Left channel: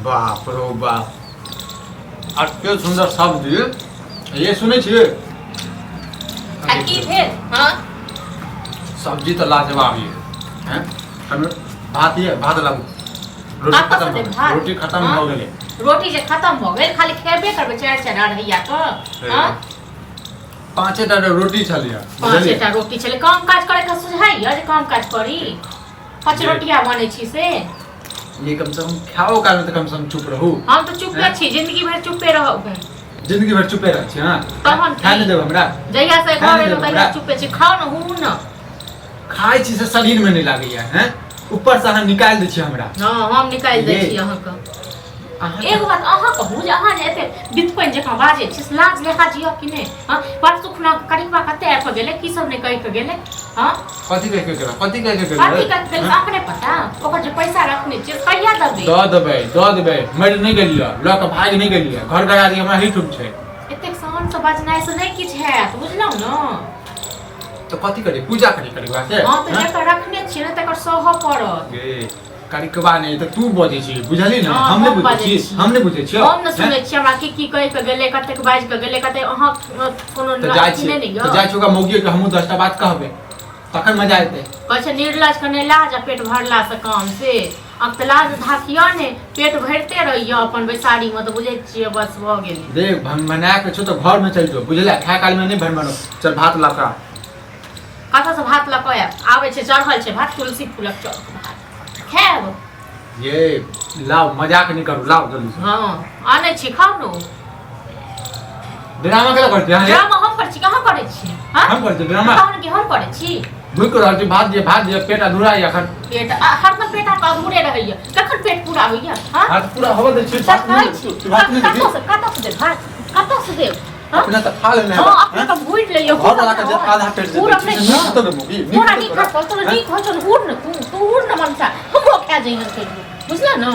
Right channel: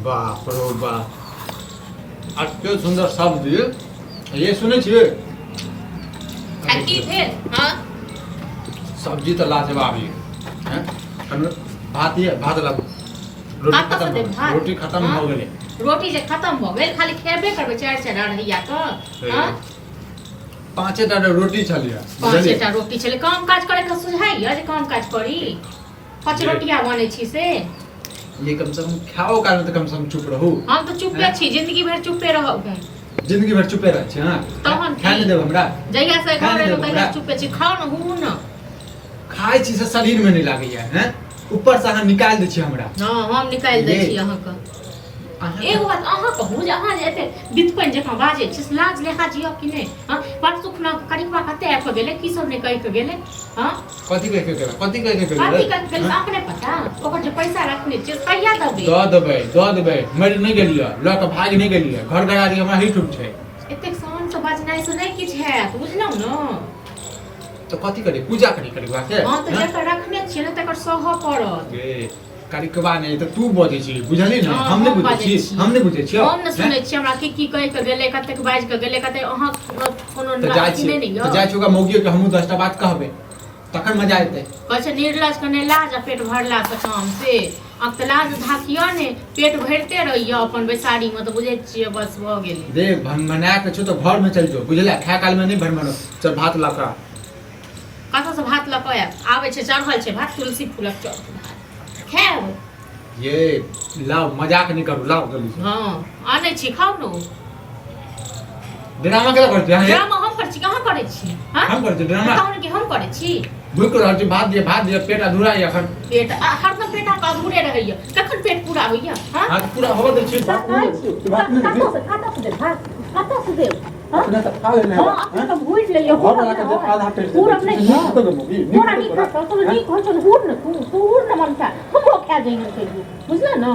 बाप रो बाप एते सुंदर सब्जी ये सुनै छियै आ की भेल हाँ सब्जी तो लाजवाब ये हैं हम भात ये भात लाबू रोटी कतऽ खत्म से दे हो भात? गेलै रोटी खत्म हाँ? हो गेलै रोटी जे खत्म भ गेल खाली खेबे करबै चारि अढ़ैया के हाँ पाँचे टा रोटी छलियै पाँचेटा रोटी छलै काम काज करे के सुझाइया जे काम काज करी पाँच जी। रोटिया बनै छी से ये कम से कम खाओ कारण तो कम से कम चुप रहू हम तो चुपे छी जिंदगी भर चुपे रहब जिंदगी भर चुपे रह छी हां तहन खाए नहीं देब हमरा जहिया से खाए घर नहि एलहुँ देब तहिया हमरा। चुपे छी खाओ न हूँ न खाए छी से शरीर में नहीं लागैया हैं ऊपर से अहाँ निकाल दै छी हमरा हाँ हम निकालि दै ये। छी अहाँके अहाँ एगो बात अहाँ कहू जे अहाँ जे एते बितपैन जकाँ बाजै छी से लाज लेखा जिय कि नहि हाँ परसू खुना करीबा कते आबि कऽ गेलै की सब नहि कहि कऽ गेलै हाँ कथी कह के गेला कथी कह के कथी गेला कहि कऽ गेलै अपने पता ओकर जे पैसा रखने छियै से कहिया देबै दऽ देबै मर नहीं गेलियै लऽ के भाग नहीं गेलियै घर गरारी हमरा ही ठुक छै एतेक सहन से बजनाइ से नहि किछु हैत बुझलहुँ ने तो कथी करी पूजा करी करबा के हाँ तऽ जेकर रखने छियै ने तकर सहऽ पड़त ए करिकबा नहीं तो तू बजै छी बुझली ना हाँ, हम हम नहीं बुझै बाजै छी छी। हम नहीं बुझै छी हम न सुनै छियै हमरा की कहि कऽ गेलै कतेक बाजि कऽ गेलै कते अहाँ कोनो तो जाय अथी छी नहि तो जाय छी ओकरा मौगी के हमहू 10टा बात कहबै तखन मजा एतै कहै छै निर्लज कने लाज आ पेट भरला से काम से अब तऽ लाज धाकिया ने पेट भरिते रहिय अपन बैसारीमे तऽ बुझै छियै बस भऽ गेलै देख बना के छो तो घर में चल जो बुझला खाए काल में नहीं भरमानो चल भात लाका कतऽ से भात लऽ कऽ आयब आबै छै चढ़ल छै भात तुलसी फूलक चौक भात खायब ये लाओ मजाक नहीं करू लाओ जल्दी से हाँ आनै छी खाउ ने ड्रामा केला करती हां ड्रामा हम करै छी कहाँ करै छी हाँ हम करती ड्रामा कहू ने कि हम करै छी भूख रहल छी भात दिए पेट अधूरा या खन पेट हरदम पेट अहाँके अधूरे रहैया कखन पेट पूरा होइया हाँ हाथ पूरा हवा दे छी भात नहीं कतऽ से देब भात कतऽ से देब हाँ अपना तो खा लेने हाँ अपने तो भूल लियो घर वाला का आधा पेट से पूरा नहीं नहीं खत्म हो गई पूरा नहीं खा तो नहीं खा चल हुड़ न तू हुड़ न मनसा हम लोग खा जाएंगे के लिए बुझला ना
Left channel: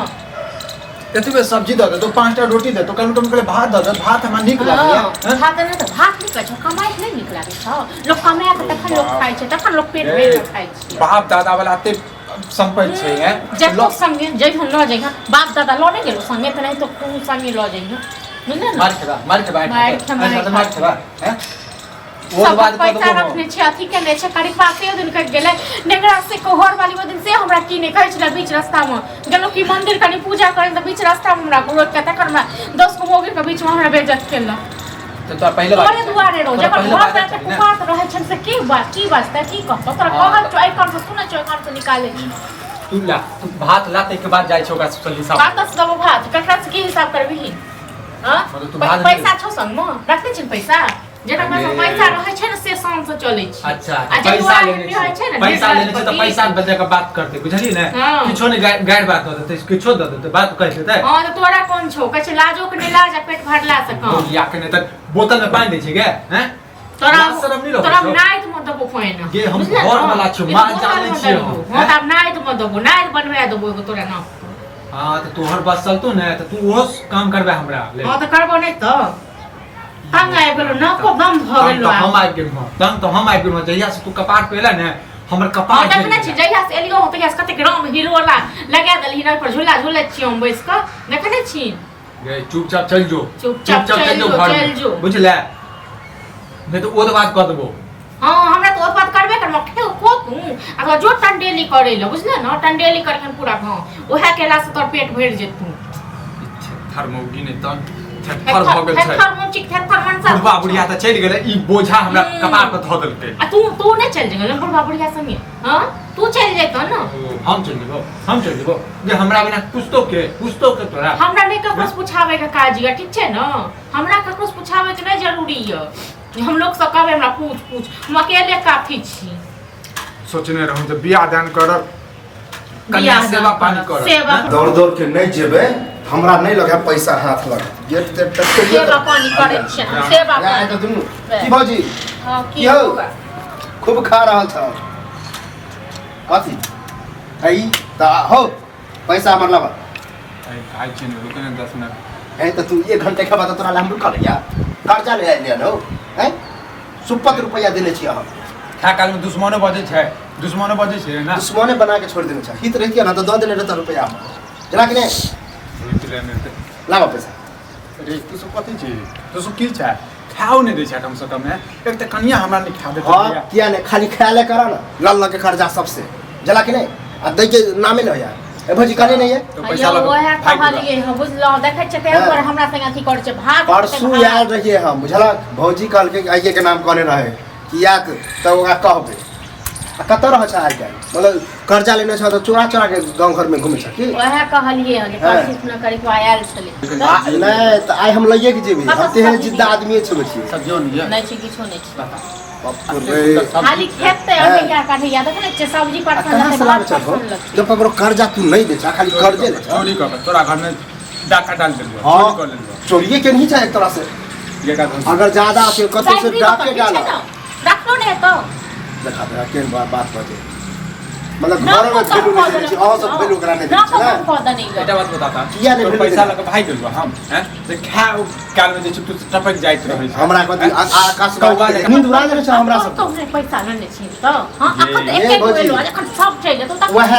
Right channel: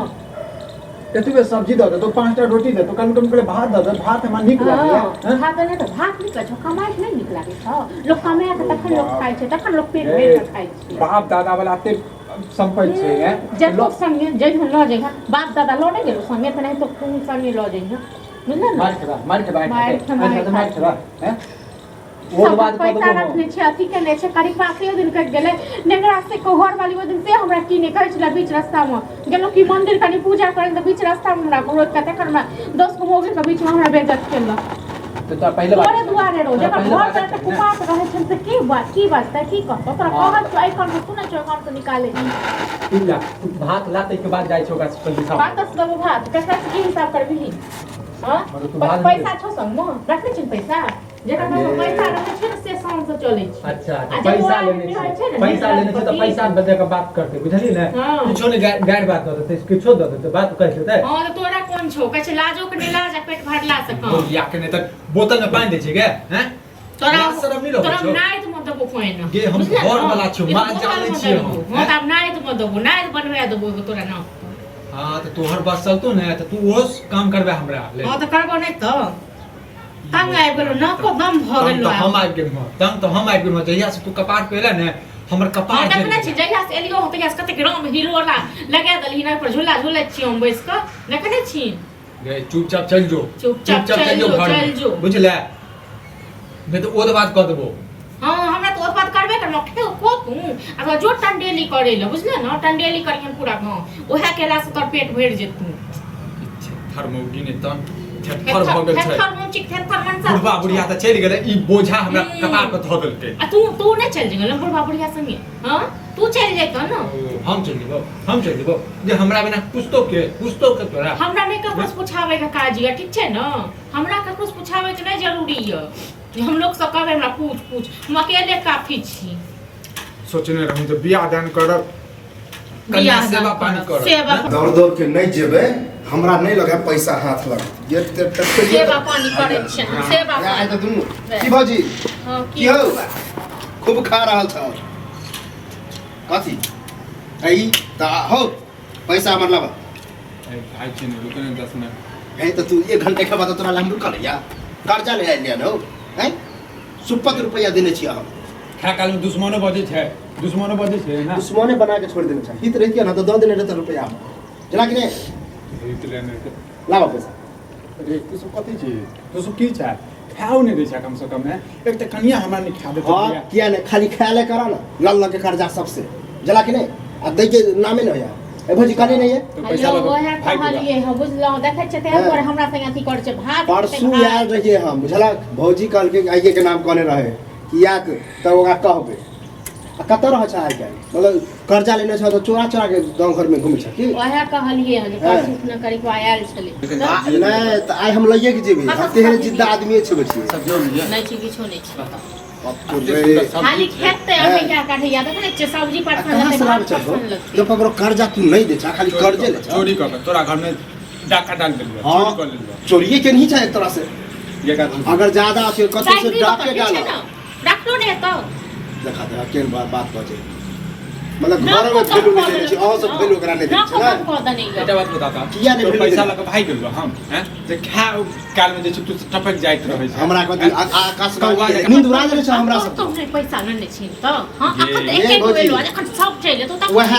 कथी में सब्जी दे दे तो 5टा रोटी दे तो कल तुम के भात दे दे भात हमरा नीक लागैया हैं? भात नहीं तो भात नहीं कछ कमाई नहीं निक लागे छ लोग कमाय के तखन लोग खाइ छै तखन लोग पेट भरि के खाइ छै बाप दादा वाला एते संपत्ति छै हैं जब लोग संगे जइहन ल जाइहा बाप दादा ल नहीं गेलो संगे त नहीं तो तू संगे ल जाइहा बुझला ना मार के मार के हैं वो सब बात पैसा कर रखने छै अथी केने छै करीब पासे दिन कट गेलै नेगरा से कोहर वाली वो दिन से हमरा की ने कहै छला बीच रास्ता में गेलो कि मंदिर कनी पूजा करे त बीच रास्ता में हमरा रोड के तकर में 10 गो मोगे के बीच में हमरा बेइज्जत केलक तो पहले बात तोरे दुआरे रो जकर पहले घर बात पे करी ना। कुपात रहै छन से की बात की कहतो तोरा कहत छौ आई कान से सुनै छौ कान से निकाले तू भात लाते के बाद जाय छै ओकरा से जल्दी साफ बात से दबो भात ककरा से की हिसाब करबिही हां मतलब तू भात पैसा छौ संग में रखने छी पैसा जेकरा पास पैसा रहै छै ने से शाम से चलै छै अच्छा आ तो जे पैसा दुआरे लेने रहै छै छै ने पैसा लेने छै तो पैसा बदले के बात करते बुझली ने हाँ। किछो ने गाड़ बात दे देते किछो दे देते बात कह देते हां तो तोरा कोन छौ कहै छै लाजो के नहीं लाज आ पेट भरला से कम या के ने तक बोतल में पानी दे छै गे हैं तोरा लाज शरम नहीं तोरा रखै छौ नाइत मत दबो पाइन गे, हम घर वाला छियौ, माल जानै छियौ हम, हां त नाइत मत दबो नाइत बनवा देबो एगो तोरा नाम हां तो तोहर बस चलतो ने तो तू वो काम करबे हमरा ले हां त करबो नहीं त तंग आबि गेलो ना को दम भ तंग गेलो तो हम आबि गेल तंग तो हम आबि गेल जहिया से तू कपाट पे एला ने हमर कपाट हां देखने छी जहिया से एलियो हो तहिया से कते ग्राम हिलोला लगा देलही ना पर झूला झूले छी हम बैस क देखने छी गे चुपचाप चल जो चुपचाप चल चल जो घर चल में जो बुझले नहीं तो ओद बात कह देबो हां हमरा तो बात करबे कर मखे को तू अगर जो टंडेली करे ले बुझले ना टंडेली करके पूरा गांव ओहे केला से तोर पेट भर जेतू थर मौगी ने तन थर भ गेल छै थर मुचिक थर मनसा बुढ़वा बुढ़िया त चलि गेलै ई बोझा हमरा कपार पर धऽ देलकै आ तू नहीं चल जेगल बुढ़वा बुढ़िया संगे हां तू चल जेतो ना हम चल जेबो जे हमरा बिना पुछतो के तोरा हमरा नहीं ककरो पूछावे के काज है ठीक छै ना हमरा ककरो पूछावे के नहीं जरूरी है हम लोग सब कहबे हमरा पूछ हम अकेले काफी छी सोचने रहूं जब बियाह दान करब कन्या सेवा पानी करब दौड़ दौड़ के नहीं जेबे हमरा नहीं लगे पैसा हाथ लग गेट ते तक सेवा पानी करे छै सेवा या पानी तो दुनु की भौजी हां की हो खूब खा रहल छ कथी आई ता हो पैसा हमर लबा आइ छै ने रुकने 10 मिनट है तो तू 1 घंटे के बाद तोरा हम रुकल या कर्जा ले आइल न हो हैं 70 रुपया देने छी हम खा काल में दुश्मनो बजे छै ना दुश्मने बना के छोड़ देने छ हित रहितिया ना तो दो देने रहता रुपया जना कि नहीं लावा पैसा रे तू सब कथी छी तू सब की छै खाओ नहीं दै छै कम से कम एक त कनिया हमरा नहीं खा देत हाँ किया नहीं खाली ख्याल करा ना लाल के खर्चा सबसे जला कि नहीं आ दै के नामे नहीं यार ए भौजी कने नहीं है तो पैसा लगा ओहे कहलिए ह बुझलो देखै छै के ऊपर हमरा संग अथी कर छै भाग परसू यार रहिए हम बुझला भौजी कल के आइए के नाम कहने रहे कि या तो ओकरा कहबे आ कत रह छै आइ काल्हि मतलब कर्जा लेने छ तो चोरा चोरा के गांव घर में घुमै छ की ओहे कहलिए ह जे परसू न करी के आयल छले नहीं तो आइ हम लइए के जेबे हम तेहन जिद्दा आदमी छै बच्ची सब जो नहीं है नहीं छै किछो नहीं छै बता खाली खेत पे अभी क्या काटे या देख ने सब्जी पर कहां से लावे छ जब पर कर्जा तू नहीं दे छ खाली कर्जे ले छ चोरी कर तोरा घर में डाका डाल देलु हाँ, चोरी कर लेलु चोरी के नहीं चाहे एक तरह से ये का अगर ज्यादा से कतो से डाके डालो रखलो ने तो देखा दे केन बात बजे मतलब घर में भेलू नहीं छै और सब भेलू करा नहीं छै ना एटा बात बताता किया नहीं तोर भेलू पैसा लगा भाई गेलु हम हैं जे खाओ काल में जे छै तू टपक जाइत रहै छै हमरा कथी आकाश का नींद उड़ा देले छ हमरा सब तो पैसा नहीं छीन तो हां अखन एक एक गेलो अखन सब चले तो वह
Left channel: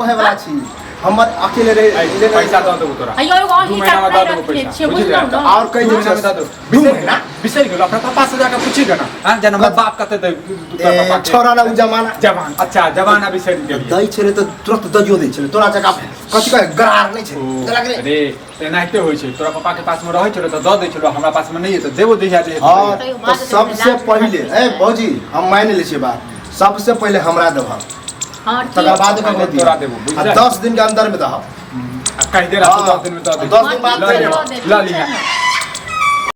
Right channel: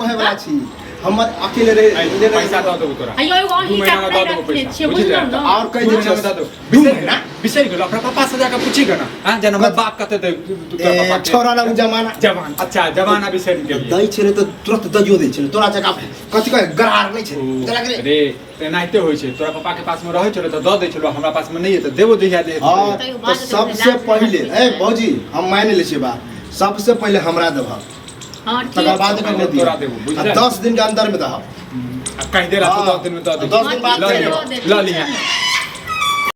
कहे वाला छी हमर अकेले रे पैसा दऽ देबो तोरा अयो एगो ही महीना दऽ देबो पैसा बुझलियै बुझलो न और कहीं महीना में दऽ देबो बिसरि गेलो अपना पापा से जाकर पूछी गना हां जना हमर बाप कते दे तोरा पापा छोरा ना जमाना जवान अच्छा जवाना बिसरि गेलियै दई छले तो तुरंत दजियो दै छले तोरा जका कथि कहे गरार नहीं छले चला के अरे एनाहिते होइ छै तोरा पापा के पास में रहै छलो त दऽ दै छलो हमरा पास में नहीं है त देबो दिया दे हां तो सबसे पहले ए भौजी हम मान ले छी बात सबसे पहले हमरा देबा हां तकर बाद तोरा तोरा देबो देबो बुझलियै 10 दिन के अंदर में दहब कह दे रहा 10 दिन में दऽ दे 10 दिन बाद ल लिया